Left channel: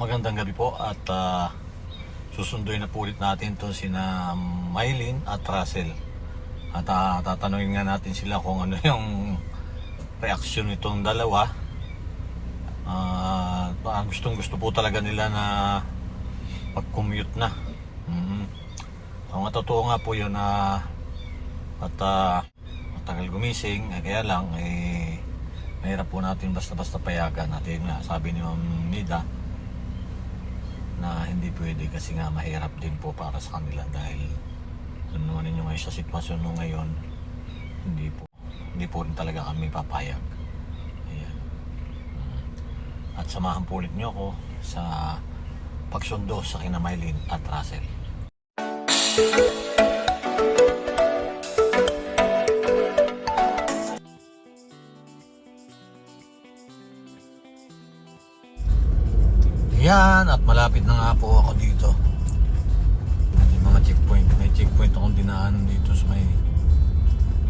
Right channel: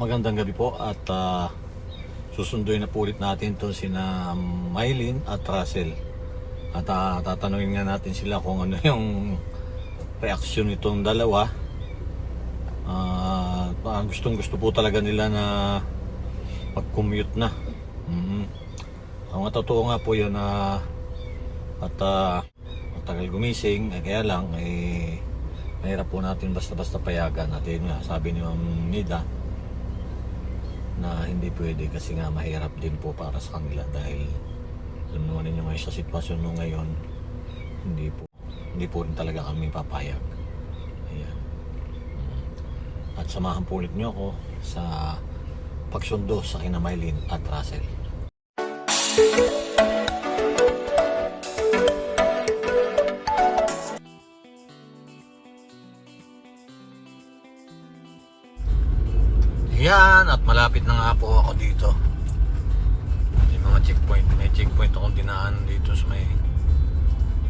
magandang gabi po at ah, susunduin na po ulit natin itong sina Mylene at Russell. At ah, tatanungin nga natin sila kung ano yung reaksyon nitong dalawa. Ah, gustong gusto po talaga nila na pag-commute na. Mhm. Ang totoo nga po yun na at ah, matagal gumising, eh, kaya lang eh mahirap po natin basta-basta payagan natin nga sabi ni Ma'am Nida na hindi pwede kasi nga mahirap din po para sa kanila dahil alam naman ninyo ngayon sa sitwasyon nung ngayon hindi po hindi po rin talaga kami papayag Ayan. Mm. at samahan po ulit nyo ako sa pagsundo sa kina at Russell Yan, at malapit na nga po ako dito. May mga checkpoint. May checkpoint akong dinaan dito sa may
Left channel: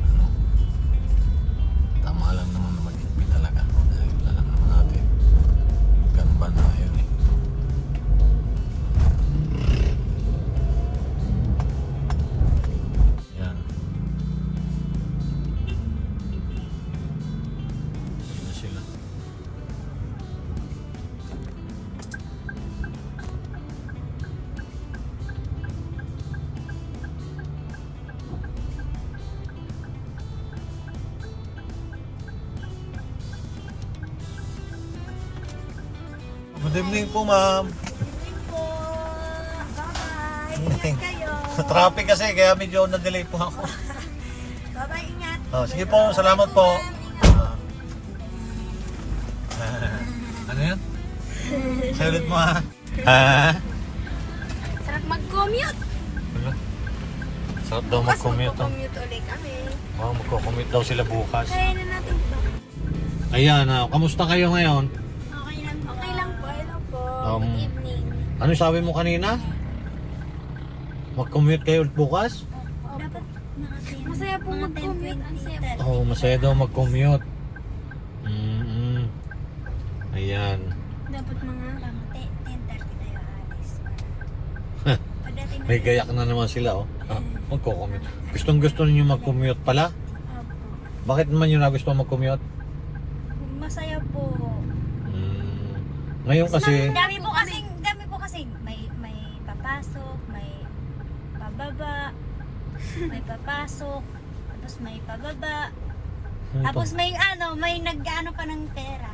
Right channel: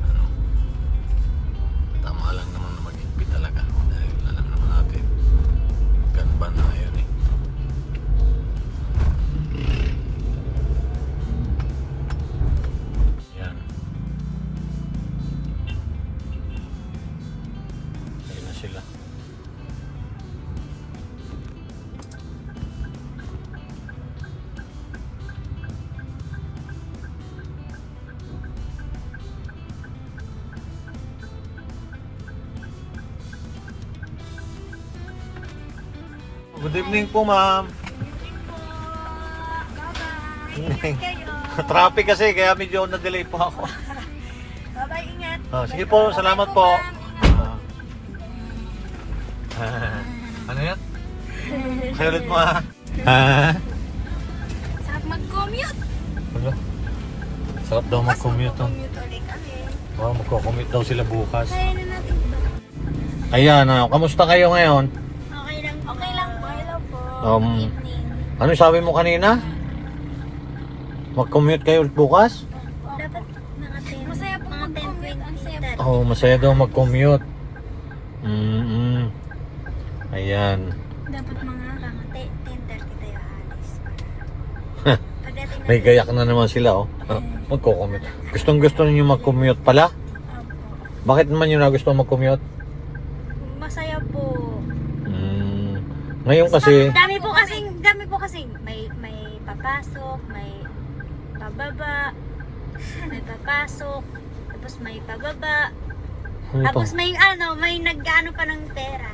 ano. Tama lang naman na mag-higpit talaga. Dahil alam naman natin, ganba na po, ma'am. Bye-bye. Ingat kayo. Traffic kasi, kaya medyo na-delay po ako. Bye-bye, ingat. Oh, sige po, salamat po. Ah. ano yan? Say ulit mo ha. Ha? Sarap mag-commute. Ano? Sarap daw mag-commute. oh. Commute ulit kami. Oh, magko-commute daw sila bukas. Kaya na natin ba? Ayan, ah, kamusta kayo ngayon? Um. Ano sabi mo kanina? Mag-commute kayo ulit bukas? Dapat naka-10. Masaya po mag-commute. Ang saya po. Oo, oh, masaya daw mag-commute. Mm-mm. Ayan. Dapat mga kama 10.30 tayo alis. Pagdating May gayak na naman sila, oh. Magko-commute. Gustong gusto ninyo mag-commute pala? Opo. Bakit naman yun na gusto mag-commute? Masaya po. Ngayon kasi, dami po kasing dami po kasing may may papasok, may pababa, may papasok, tapos may pababa, ano to? tapos may ano, may nag-ano pa ng pera.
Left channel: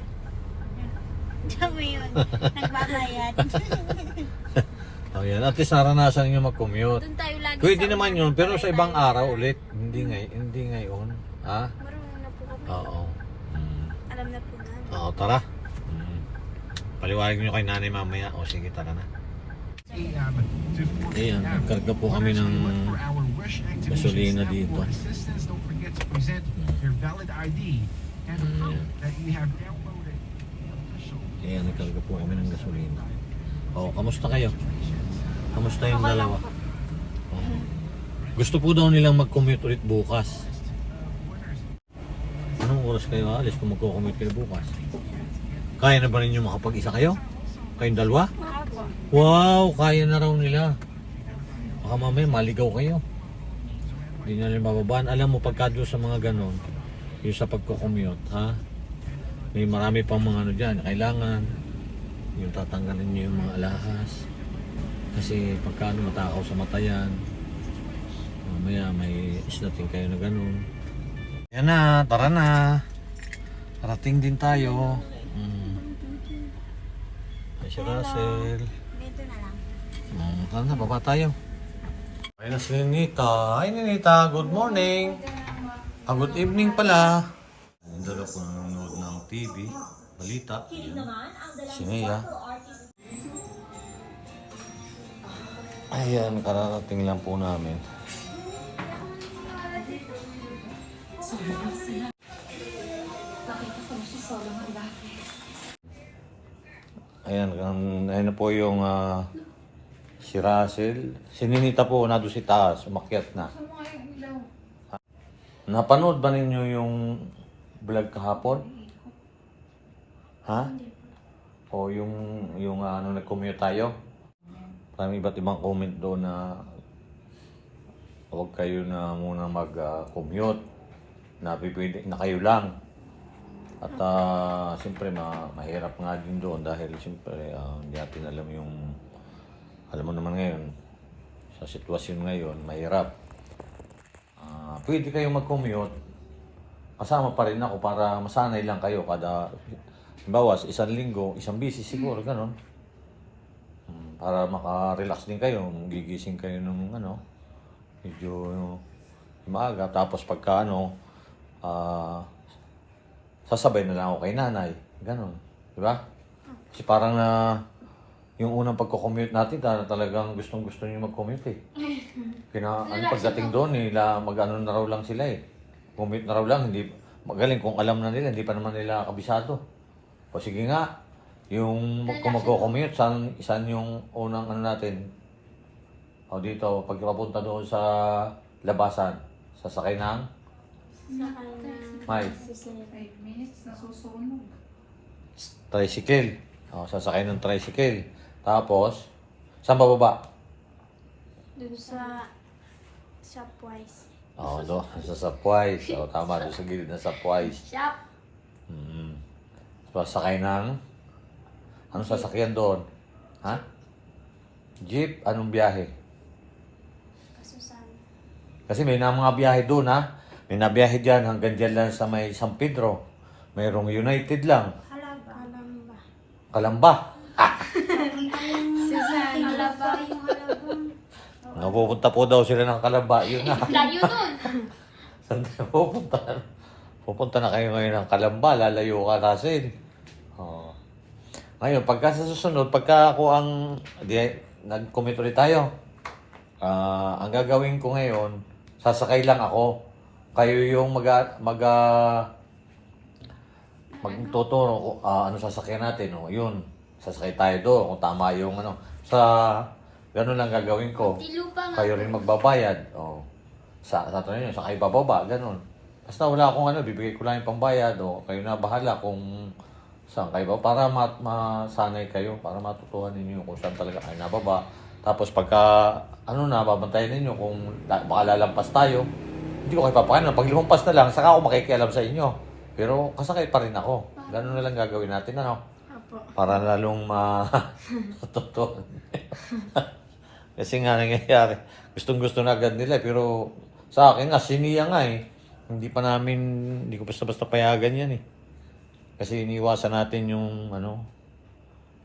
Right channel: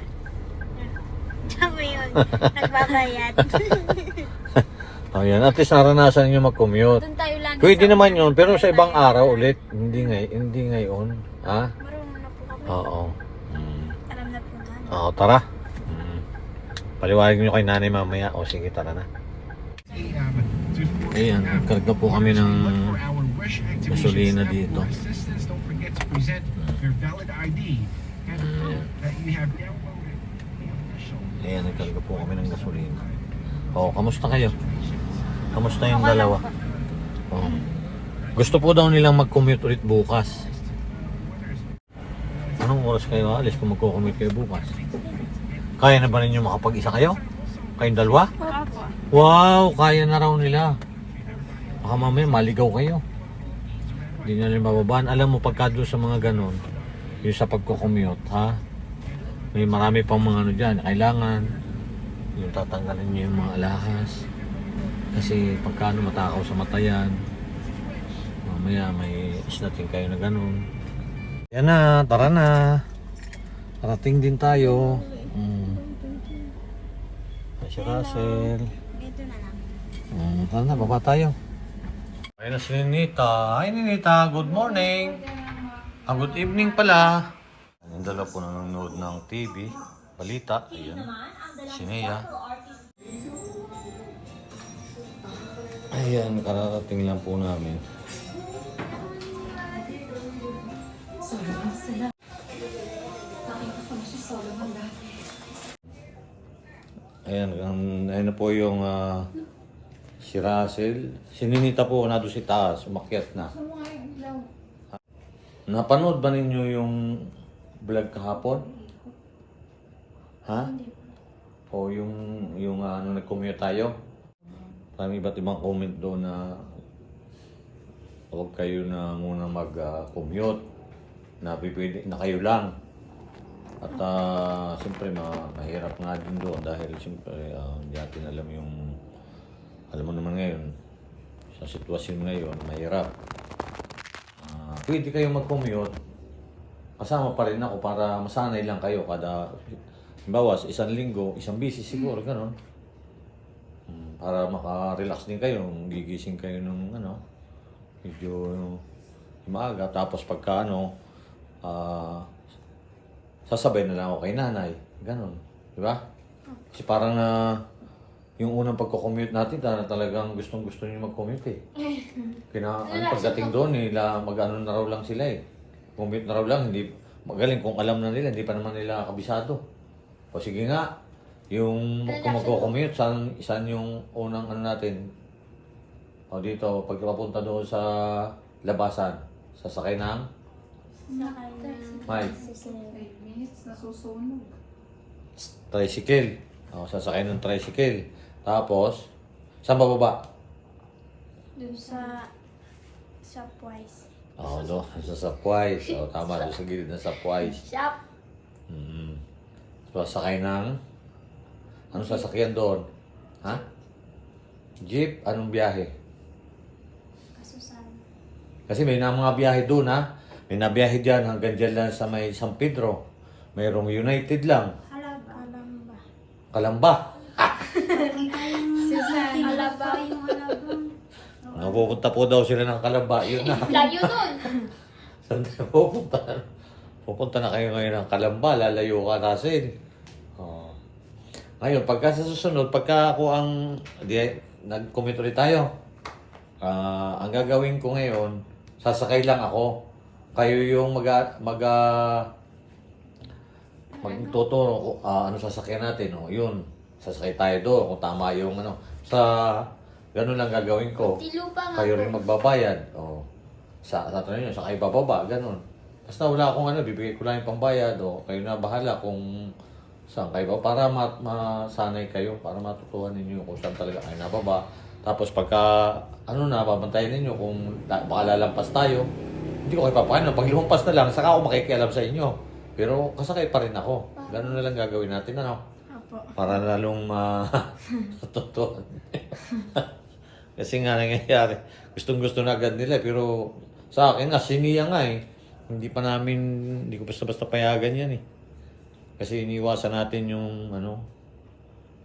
Dami yun, nagbabayad. Ayan, at least naranasan nyo mag-commute. Doon tayo lagi Pwede naman yun, pero sa ibang araw ulit. Hindi, ngay hindi ngayon. Ha? Marunong na po kami. Oo. Mm. Alam na po namin. Oo, tara. Paliwanag nyo kay nanay mamaya. O sige, tara na. Ayan, nagkarga po kami ng gasolina dito. Official Ayan, nagkarga po kami ng gasolina. O, kamusta kayo? Kamusta yung Okay dalawa? Oo. Gusto po daw nilang mag-commute ulit bukas. Anong oras kayo alis kung magko-commute kayo bukas? Kaya na ba ninyo makapag-isa kayo? Kayong dalawa? Wow, kaya na raw nila. Baka mamaya maligaw kayo. Hindi nyo rin bababaan. Alam mo, pagka doon sa mga ganon, yung sa pagko-commute, ha? May marami pang mga ano dyan. Kailangan yung tatanggalin nyo yung mga alahas. Kasi pagka ano, matakaw sa mata yan, mamaya may islating kayo na ganon. Yan na, tara na. Parating din tayo. Mm. Ay, si Russell. Dito na lang. Mm, tara na, baba tayo. Ay na si Ninita. Hi Ninita, good morning. Ah, good evening pala. Yung dalawa po nanonood ng TV, balita. Ayan. Si Nia. Ayan, kararating lang po namin. Ayan, ang, ayun na po yung ah, si Russell. Si Ninita po na doon si taas, umakyat na. Napanood ba ninyo yung vlog kahapon? Ha? O yung, yung ano, nag-commute tayo. Parang iba't ibang comment doon na huwag kayo na muna mag-commute. na pipili na kayo lang. At ah, siyempre na mahirap nga din doon dahil siyempre ah, hindi natin alam yung alam mo naman ngayon sa sitwasyon ngayon mahirap. Ah, pwede kayo mag-commute kasama pa rin ako para masanay lang kayo kada bawas isang linggo, isang bisis siguro, ganun. Hmm, Para maka-relax din kayo, gigising kayo ng ano, medyo maaga. Tapos pagka ano, ah, sasabay na lang ako kay nanay. Ganun. Di ba? Kasi parang na yung unang pagko-commute natin, ta- talagang gustong gusto niyo mag-commute eh. Kina, ano, pagdating doon, nila mag-ano na raw lang sila eh. Commute na raw lang, hindi, magaling kung alam na nila, hindi pa naman nila kabisado. O sige nga, yung kung magko-commute, saan, saan yung unang ano natin? O dito, pag papunta doon sa labasan, sasakay ng Sakay ng May. sisig. 5 minutes nasusunog. tricycle. O, sasakay ng tricycle. Tapos, saan bababa? Dun sa Shopwise. Oo, no, sa Sapwise. O, tama, doon sa gilid ng Sapwise. Shop! Mm. So, sakay ng... Anong sasakyan doon? Ha? Jeep? Anong biyahe? Kasusan. Kasi may na mga biyahe doon, ha? May nabiyahe dyan hanggang dyan lang sa may San Pedro. Mayroong United lang. Kalamba. Halaba. Yung halaba. Napupunta po daw sila ng Kalamba. Yun na. Layo nun. Saan tayo pupunta? Pupunta na kayo ngayon ng Kalamba. Lalayo ka, Russell. Oh. Ngayon, pagka sa susunod, pagka ako ang... Di, nag-commit ulit tayo. Ah, ang gagawin ko ngayon, sasakay lang ako. Kayo yung mag mag magtuturo ko ah, ano sasakyan natin. O, yun. Sasakay tayo doon kung tama yung ano. Sa ganun lang gagawin ko. Tilupa nga. Kayo rin magbabayad. O, sa sa nyo, sa kayo bababa, ganun. Basta wala akong ano, bibigay ko lang yung pambayad o kayo na bahala kung saan kayo ba para ma masanay kayo, para matutuhan ninyo kung saan talaga kayo nababa. Tapos pagka ano na, babantayan ninyo kung baka lalampas tayo, hindi ko kayo papakain. Pag lumampas na lang, saka ako makikialam sa inyo. Pero kasakay pa rin ako. Ganun na lang gagawin natin, ano? Apo. Para lalong ma... Totoo. Kasi nga nangyayari, gustong gusto na agad nila, pero sa akin nga, siniya nga eh. Hindi pa namin, hindi ko basta-basta payagan yan eh. Kasi iniwasan natin yung ano,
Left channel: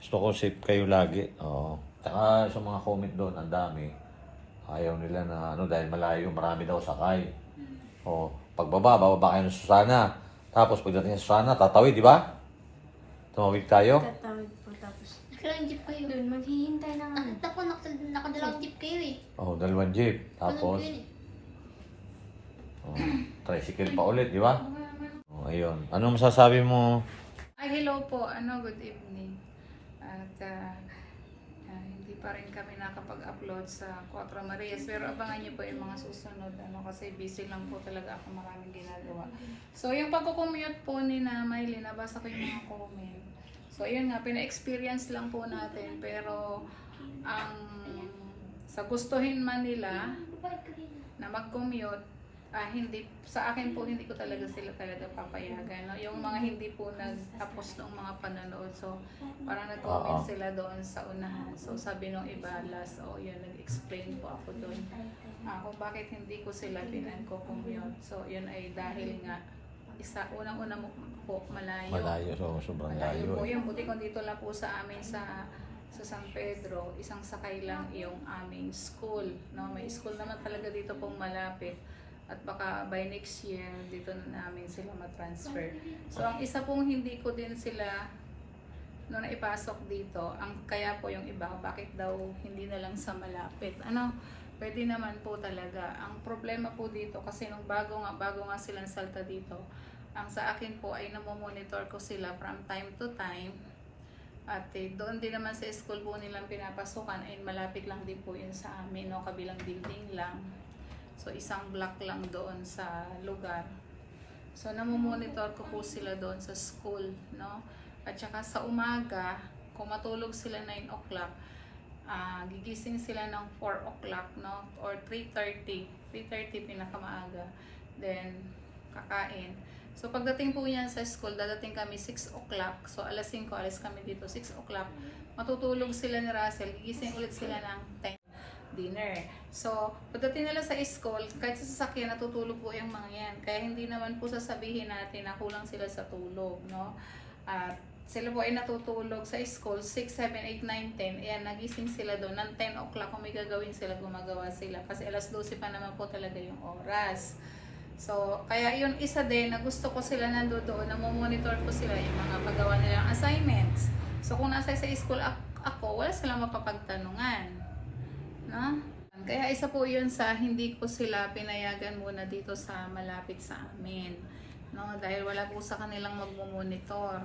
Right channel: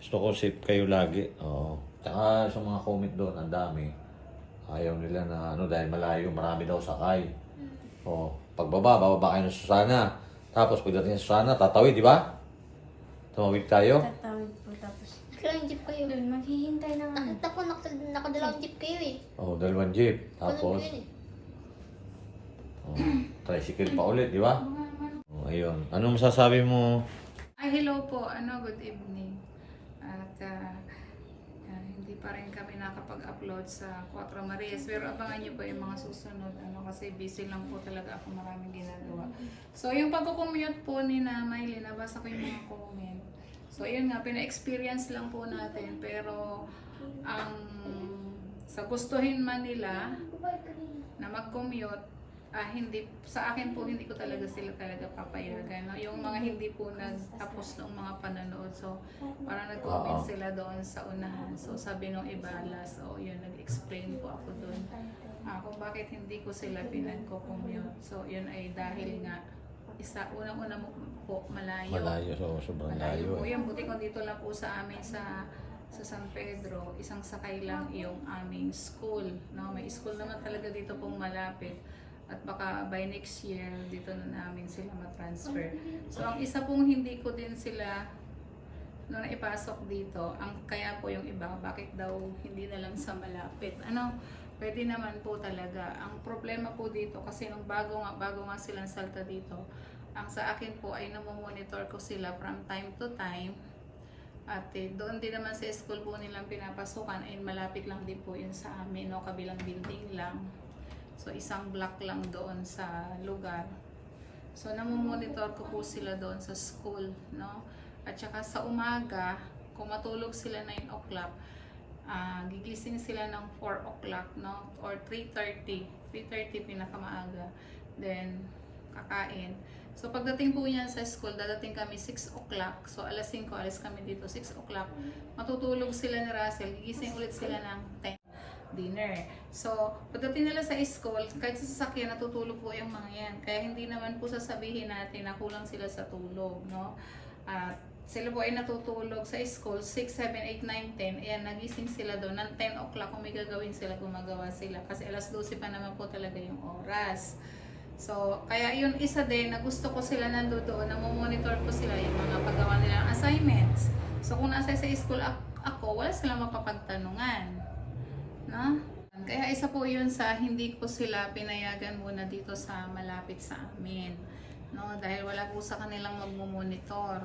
gusto ko safe kayo lagi. Oo. Saka sa mga comment doon, ang dami. Ayaw nila na ano, dahil malayo, marami daw sakay. O, pagbaba, bababa kayo ng Susana. Tapos pagdating sa Susana, tatawid, di ba? Tumawid tayo. Tatawid po tapos. Kailan jeep kayo? Doon, maghihintay na nga. Nakita ko nak nakadalawang jeep kayo eh. Oh, dalawang jeep. Ano Tapos, yun eh? oh, tricycle pa ulit, di ba? Oh, ayun. Anong masasabi mo? Ay, hello po. Ano, good evening. At ah, ah, hindi pa rin kami nakapag-upload sa Cuatro Marias. Pero abangan niyo po yung mga susunod. Ano, kasi busy lang po talaga ako maraming ginagawa. So, yung pagkukommute po ni na nabasa ko yung mga comment. So, yun nga, pina-experience lang po natin. Pero, ang sa gustuhin man nila na mag-commute, ah, hindi, sa akin po, hindi ko talaga sila talaga papayagan. No? Yung mga hindi po nagtapos ng mga panonood, so parang nag-comment Oo. sila doon sa unahan. So sabi nung iba, last, oh, yun, nag-explain po ako doon ah, kung bakit hindi ko sila pinag-commute. So yun ay dahil nga, isa, unang-una mo po, malayo. Malayo, so, sobrang Malayo layo. po yun. Buti kung dito lang po sa amin sa sa San Pedro, isang sakay lang yung aming school. No? May school naman talaga dito pong malapit. At baka by next year, dito na namin sila matransfer. So, ang isa pong hindi ko din sila no naipasok dito, ang kaya po yung iba, bakit daw hindi na lang sa malapit? Ano, pwede naman po talaga. Ang problema po dito, kasi nung bago nga, bago nga silang salta dito, ang sa akin po ay namomonitor ko sila from time to time. At eh, doon din naman sa school po nilang pinapasukan ay malapit lang din po yun sa amin, no? kabilang building lang. So isang block lang doon sa lugar. So namomonitor ko po sila doon sa school, no? At saka sa umaga, kung matulog sila 9 o'clock, ah, gigising sila ng 4 o'clock, no? Or 3.30. 3.30 pinakamaaga. Then, kakain. So, pagdating po yan sa school, dadating kami 6 o'clock. So, alas 5, alas kami dito, 6 o'clock. Matutulog sila ni Russell. Gigising ulit sila ng 10 dinner. So, pagdating nila sa school, kahit sa sasakyan, natutulog po yung mga yan. Kaya hindi naman po sasabihin natin na kulang sila sa tulog, no? At sila po ay natutulog sa school, 6, 7, 8, 9, 10. Ayan, nagising sila doon. Ng 10 o'clock, kung may gagawin sila, gumagawa sila. Kasi alas 12 pa naman po talaga yung oras. So, kaya yun isa din na gusto ko sila nando doon, na monitor ko sila yung mga paggawa nilang assignments. So, kung nasa sa school ak- ako, wala silang mapapagtanungan. No? Kaya isa po yun sa hindi ko sila pinayagan muna dito sa malapit sa amin. No? Dahil wala po sa kanilang magmumonitor.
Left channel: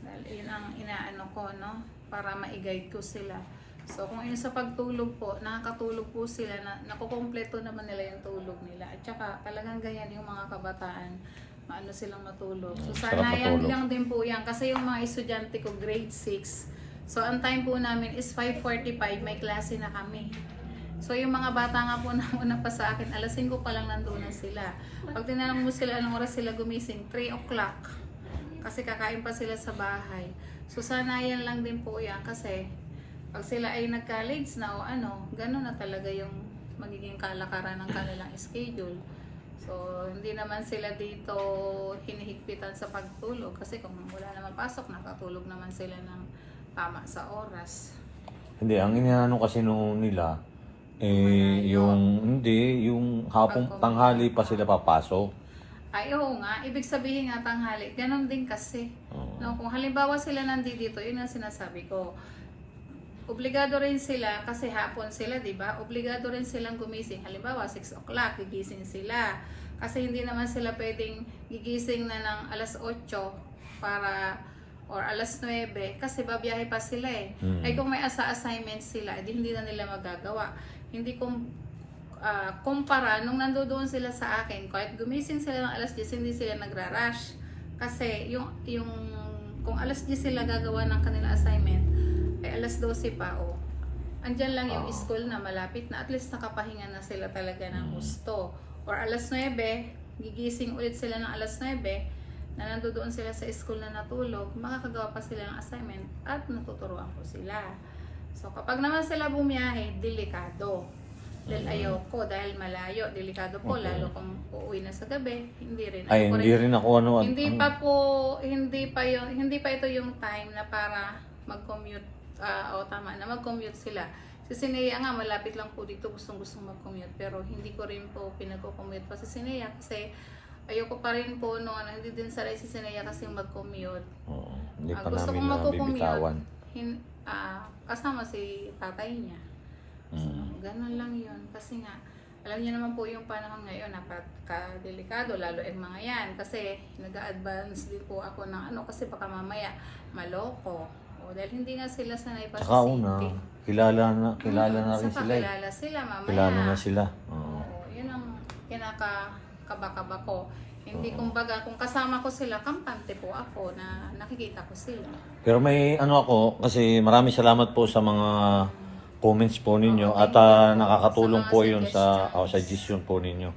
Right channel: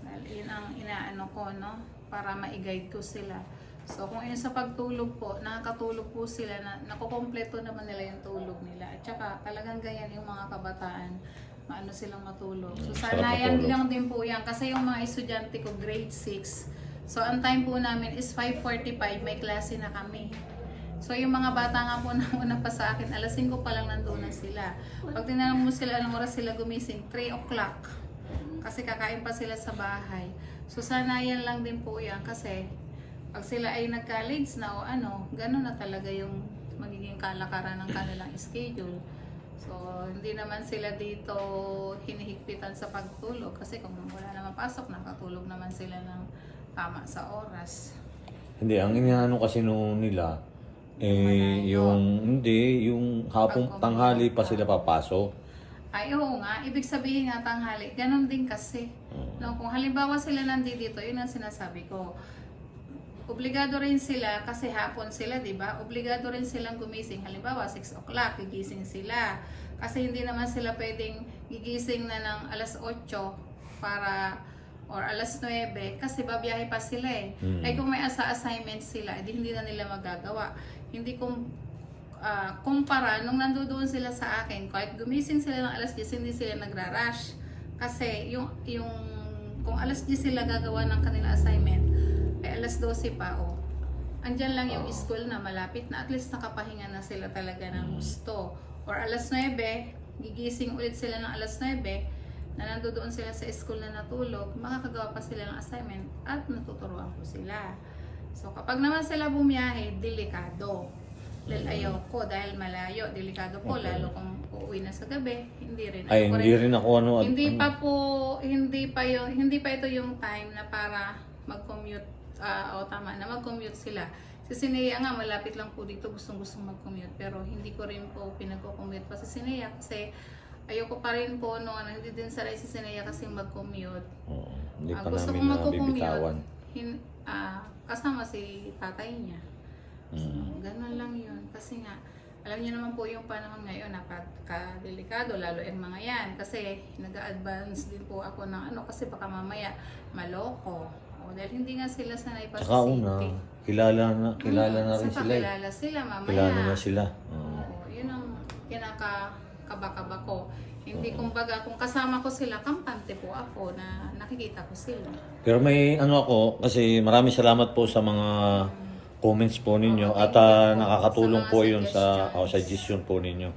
Dahil yun ang inaano ko, no? Para ma-guide ko sila. So, kung yun sa pagtulog po, nakakatulog po sila, na, nakukompleto naman nila yung tulog nila. At saka, talagang ganyan yung mga kabataan, maano silang matulog. So, Mm, sanayan matulog. lang din po yan. Kasi yung mga estudyante ko, grade 6, So, ang time po namin is 5.45, may klase na kami. So, yung mga bata nga po na una pa sa akin, alas 5 pa lang nandun na sila. Pag tinanong mo sila anong oras sila gumising, 3 o'clock. Kasi kakain pa sila sa bahay. So, sanayan lang din po yan kasi pag sila ay nag-college na o ano, gano'n na talaga yung magiging kalakaran ng kanilang schedule. So, hindi naman sila dito hinihigpitan sa pagtulog kasi kung wala naman pasok, nakatulog naman sila ng tama sa oras. Hindi, ang inaano kasi nung nila, eh, Malayo. yung, hindi, yung hapong tanghali pa sila papasok. Ay, oo nga. Ibig sabihin nga tanghali. Ganon din kasi. Oo. No, kung halimbawa sila nandito, yun ang sinasabi ko. Obligado rin sila, kasi hapon sila, di ba? Obligado rin silang gumising. Halimbawa, 6 o'clock, gigising sila. Kasi hindi naman sila pwedeng gigising na ng alas 8 para or alas 9 kasi babiyahe pa sila eh. Mm. Ay kung may asa assignment sila, edi hindi na nila magagawa. Hindi kung ah, kumpara nung nandoon sila sa akin, kahit gumising sila ng alas 10, hindi sila nagra-rush. Kasi yung, yung kung alas 10 sila gagawa ng kanilang assignment, ay alas 12 pa o. Andyan lang yung school na malapit na at least nakapahinga na sila talaga ng gusto. Or alas 9, gigising ulit sila ng alas 9, na nandoon sila sa school na natulog, makakagawa pa sila ng assignment at natuturuan ko sila. So kapag naman sila bumiyahe, delikado. Dahil ayaw ko dahil malayo, delikado po Okay. lalo kung uuwi na sa gabi, hindi rin. Ay, Ayoko hindi rin ako ano. hindi ano, pa po hindi pa yung hindi pa ito yung time na para mag-commute ah, o tama na mag-commute sila. Si Sinea nga malapit lang po dito gustong-gustong mag-commute pero hindi ko rin po pinag-commute pa si Sinea kasi ayoko pa rin po no ano, hindi din saray si Sinea kasi mag-commute. Oo, hindi Ah, gusto namin kong na mag-commute bibitawan. hin, ah, kasama si tatay niya. So, Mm. ganun lang yun. Kasi nga, alam niyo naman po yung panahon ngayon, napaka-delikado, lalo yung mga yan. Kasi nag-advance din po ako ng ano, kasi baka mamaya maloko. O, dahil hindi nga sila sanay pa Saka sa una, safety. kilala na, kilala Mm, na rin saka sila. eh. kilala sila mamaya. Kilala na sila. Oo. Oo, yun ang kinakabakaba ko. Hindi kumbaga, kung kasama ko sila, kampante po ako na nakikita ko sila. Pero may ano ako, kasi marami salamat po sa mga comments po ninyo Oo, at thank you ah, po. nakakatulong Sa mga po yun sa suggestions. oh, suggestion po ninyo.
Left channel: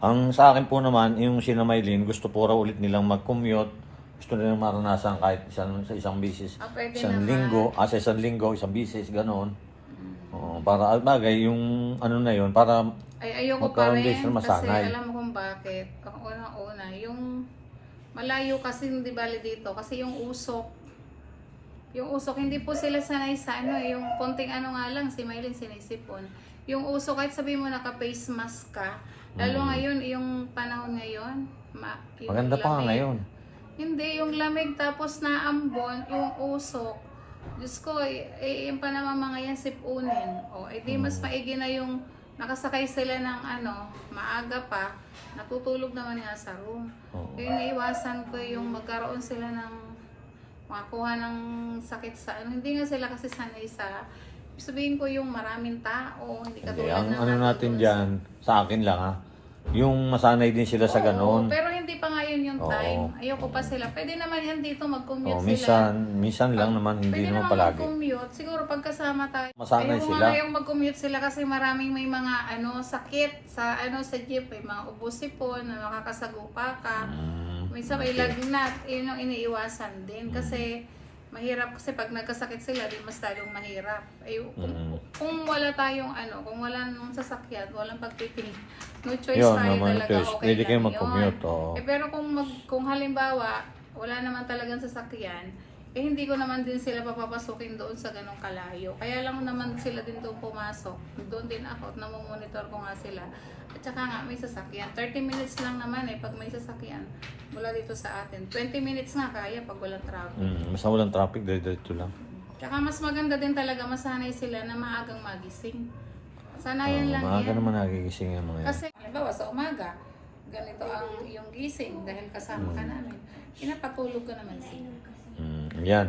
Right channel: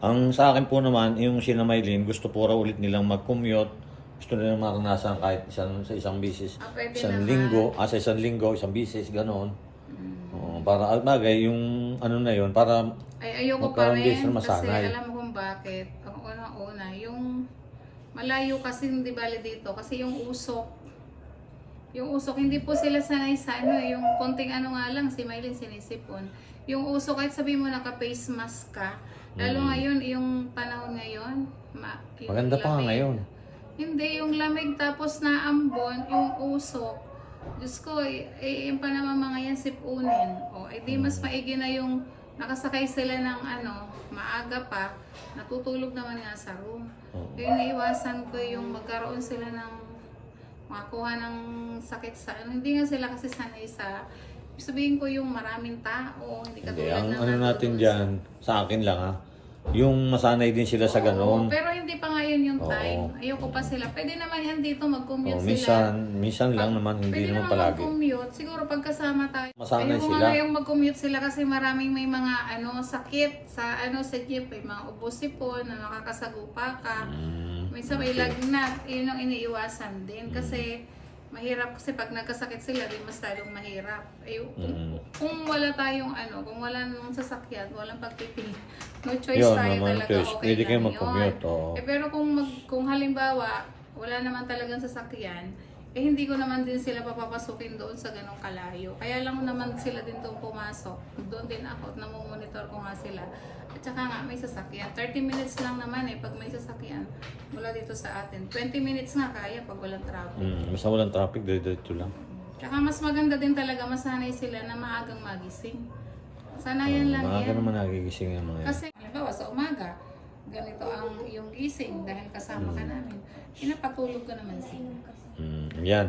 Ang sa akin po naman, yung sina Maylin, gusto po raw ulit nilang mag-commute. Gusto nilang maranasan kahit isang, sa isang bisis. Ah, pwede Isang naman. linggo, ah, sa isang linggo, isang bisis, gano'n. Mm. Oo, para at bagay, yung ano na yun, para Ay, ayoko pa Magkaroon din rin sila kasi masanay. alam kung bakit. Ang una-una, yung malayo kasi hindi bali dito kasi yung usok yung usok, hindi po sila sanay sa ano, yung konting ano nga lang, si Maylin sinisipon. Yung usok, kahit sabihin mo naka-face mask ka, lalo Mm. ngayon, yung panahon ngayon, ma, yung maganda pa nga lamig. ngayon. Hindi, yung lamig tapos naambon, yung usok. Diyos ko, eh, eh, yung pa naman mga yan sipunin. O, eh di mas maigi na yung nakasakay sila ng ano, maaga pa, natutulog naman nga sa room. Oo. Kaya iniiwasan ko yung magkaroon sila ng makakuha ng sakit sa ano. Hindi nga sila kasi sanay sa sabihin ko yung maraming tao, hindi Hindi, katulad ang ng ano natin nandoon dyan, sa akin lang ha, yung masanay din sila sa Oo, ganon. pero hindi pa ngayon yung Oo. time. Ayoko pa sila. Pwede naman yan dito mag-commute Oh, sila. minsan, minsan lang naman, hindi Pwede naman naman palagi. mag-commute. Siguro pagkasama tayo. Masanay Ayoko sila. nga ngayong mag-commute sila kasi maraming may mga ano sakit sa ano sa jeep. May mga ubosipon na nakakasagupa ka. Mm, Minsan may lagnat. Yun yung iniiwasan din. Kasi mahirap kasi pag nagkasakit sila, di mas lalong mahirap. Ay, kung, Mm. kung wala tayong ano, kung wala nung sasakyan, walang pagpipili. No choice Yun tayo naman, talaga. choice. Okay kayo lang mag-commute, yun. oo. Eh, pero kung, mag, kung halimbawa, wala naman talagang sasakyan, eh hindi ko naman din sila papapasukin doon sa ganong kalayo. Kaya lang naman sila din doon pumasok. Doon din ako at namomonitor ko nga sila. At saka nga may sasakyan. 30 minutes lang naman eh pag may sasakyan mula dito sa atin. 20 minutes nga kaya pag walang traffic. mm, basta walang traffic, dire-diretso lang. Tsaka mas maganda din talaga masanay sila na maagang magising. Sanayan lang Maaga yan. naman nagigising yung mga yan. Kasi, halimbawa sa umaga, ganito ang iyong gising dahil kasama ka namin. Pinapatulog ko naman sila. Mm, yan.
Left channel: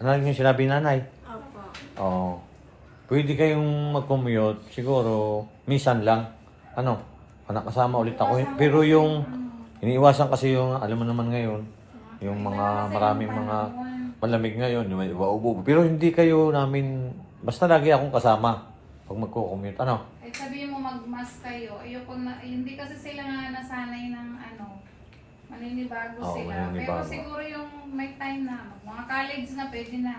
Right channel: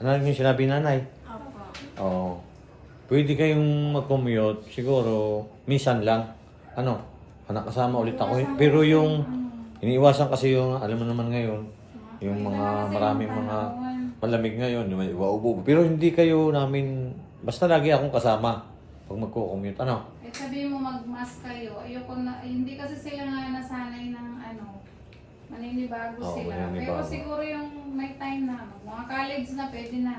Ano yung sinabi ni nanay? Opo. Oo. Pwede kayong mag-commute, siguro, minsan lang. Ano, nakasama ulit ako. Pero yung, iniiwasan kasi yung, alam mo naman ngayon, yung mga maraming mga malamig ngayon, yung may Pero hindi kayo namin, basta lagi akong kasama pag magko-commute. Ano? Eh sabihin mo mag-mask kayo, ayoko na, hindi kasi sila nga nasanay ng ano, maninibago Oo, sila. maninibago. Pero siguro yung may time na, mag- mga college na pwede na.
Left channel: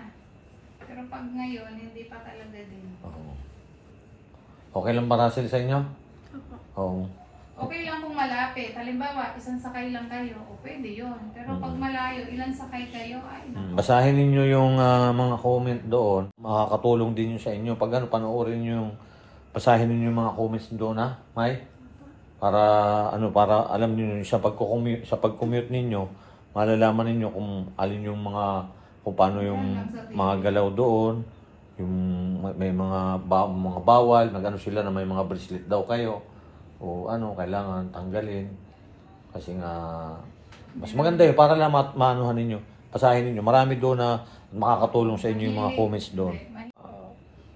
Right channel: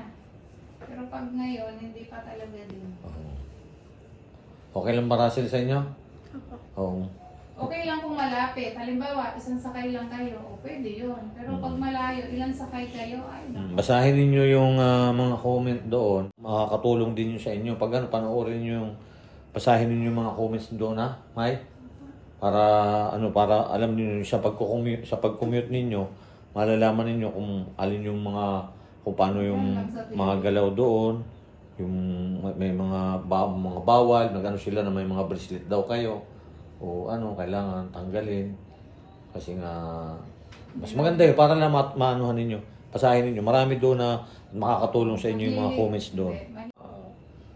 Pero pag ngayon, hindi pa talaga din. Oo. Okay lang ba Russell sa inyo? Opo. Oo. Okay lang kung malapit. Halimbawa, isang sakay lang kayo, o pwede yun. Pero Mm. pag malayo, ilang sakay kayo, ay Mm, naku. Basahin ninyo yung ah, mga comment doon. Makakatulong din yun sa inyo. Pag ano, panoorin nyo yung basahin ninyo yung mga comments doon ha, May? Para ano, para alam niyo sa pagko-commute, sa pag-commute ninyo, malalaman ninyo kung alin yung mga kung paano yung mga galaw doon, yung may- mga ba, mga bawal, nagano sila na may mga bracelet daw kayo. O ano, kailangan tanggalin. Kasi nga mas maganda yun para lang ma- maanuhan ninyo. Pasahin ninyo. Marami doon na makakatulong sa inyo yung mga comments doon. Ma-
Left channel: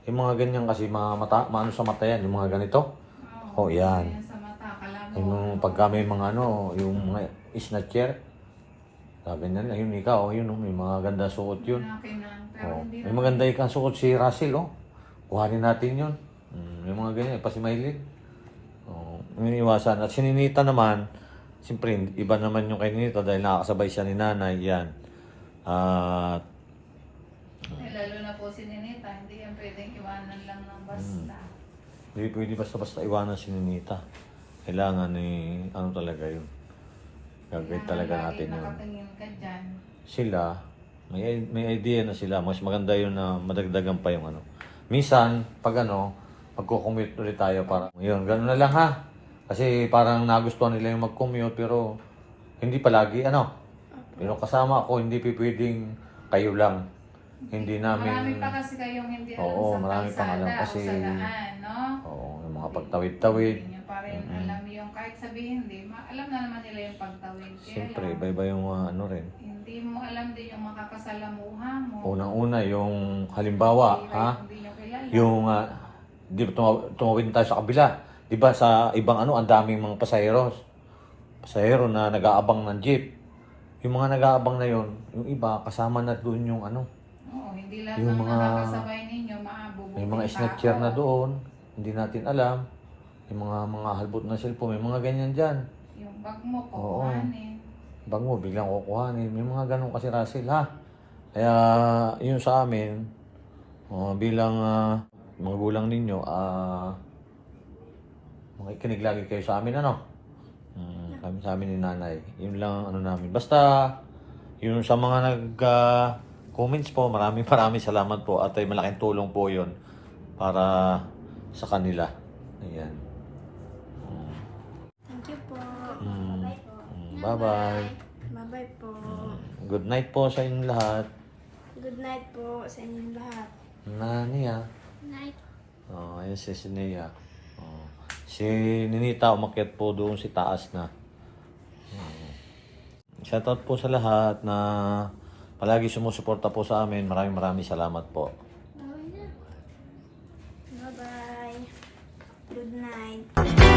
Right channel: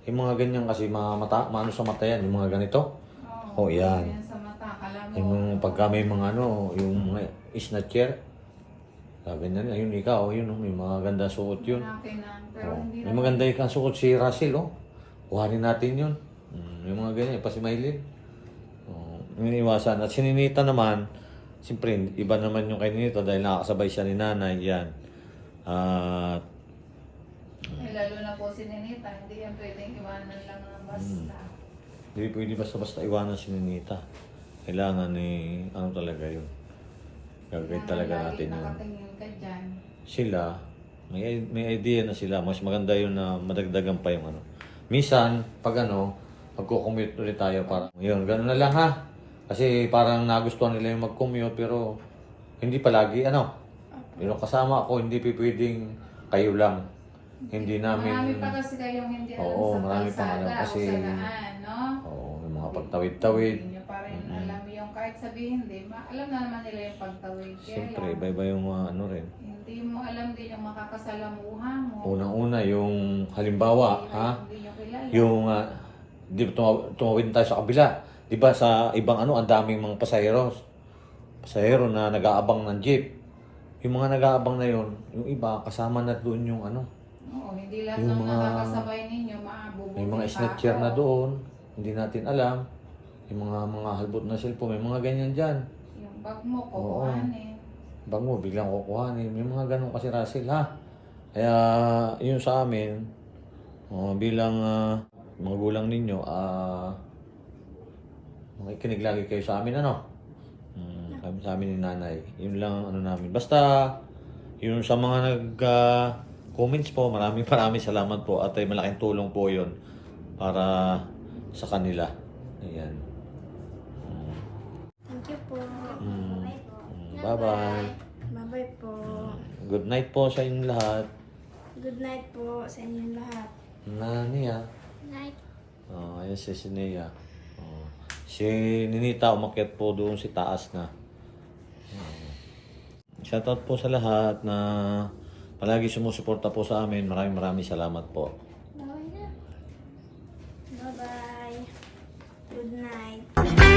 Yung mga ganyan kasi mga mata, maano sa mata yan, yung mga ganito. Oh, yan. yan sa mata. Kala mo, Yung pagka may mga ano, yung mga snatcher. Sabi na yun ikaw, yun, oh, may mga ganda suot yun. Na. Oh. hindi May maganda ikang suot si Russell, oh. Kuhanin natin yun. Mm, yung mga ganyan, pa si Maylin. Oh, iniwasan. At si Ninita naman, siyempre, iba naman yung kay Ninita dahil nakakasabay siya ni nanay, yan. At, Eh, lalo na po si Ninita, hindi yan pwedeng iwanan lang ng basta. hindi pwede basta-basta iwanan si Ninita. Kailangan ni, ano talaga yun. Gagawin talaga natin yun. Nakatingin ka dyan. sila, may, may idea na sila, mas maganda yun na madagdagan pa yung ano. Minsan, pag ano, pagko-commute ulit tayo para, yun, gano'n na lang ha. Kasi parang nagustuhan nila yung mag-commute, pero hindi palagi, ano. Pero kasama ako, hindi pwedeng kayo lang. Hindi namin, Marami pa kasi kayong hindi alam Oo, sa marami pa kalsada ngayon kasi- o sa daan, no? yung mga pagtawid-tawid. Kahit sabihin, hindi, ma- alam na naman nila yung pagtawid. Kaya Siyempre, lang, iba-iba yung mga ano rin. hindi mo alam din yung makakasalamuhan mo. Unang-una, yung halimbawa, Hindi- ha? Hindi nyo kilala. Yung, uh, di ba tumawid tayo sa kabila. Di ba sa ibang ano, ang daming mga pasaheros. Pasahero na nag-aabang ng jeep. Yung mga nag-aabang na yun, yung iba, kasama na doon yung ano, Oo, hindi lahat yung ng mga- nakakasabay ninyo maabubuti may mga snatcher na doon, hindi natin alam. Yung mga mga halbot na cellphone, may mga ganyan dyan. Yung bag mo, kukuhanin. Bango, biglang kukuhanin. May mga ganun kasi Russell, ha? Kaya, yun sa amin, uh, bilang ah, mga gulang ninyo, ah, makikinig lagi kayo sa amin, ano? Hmm, kami sa amin ni nanay. Yun lang, ano namin. Basta, yun sa mga nag, ah, comments po, maraming maraming salamat po at ay malaking tulong po yun para sa kanila. Ayan. You mm. po. Mm. Bye-bye. Bye-bye po. Mm. Good night po sa inyong lahat. Good night po sa inyong lahat. Na niya. Night. Oh, ayun si Sinea. Oh. Si Ninita umakyat po doon si taas na. Shoutout po sa lahat na palagi sumusuporta po sa amin. Maraming maraming salamat po. Bye-bye. Good night.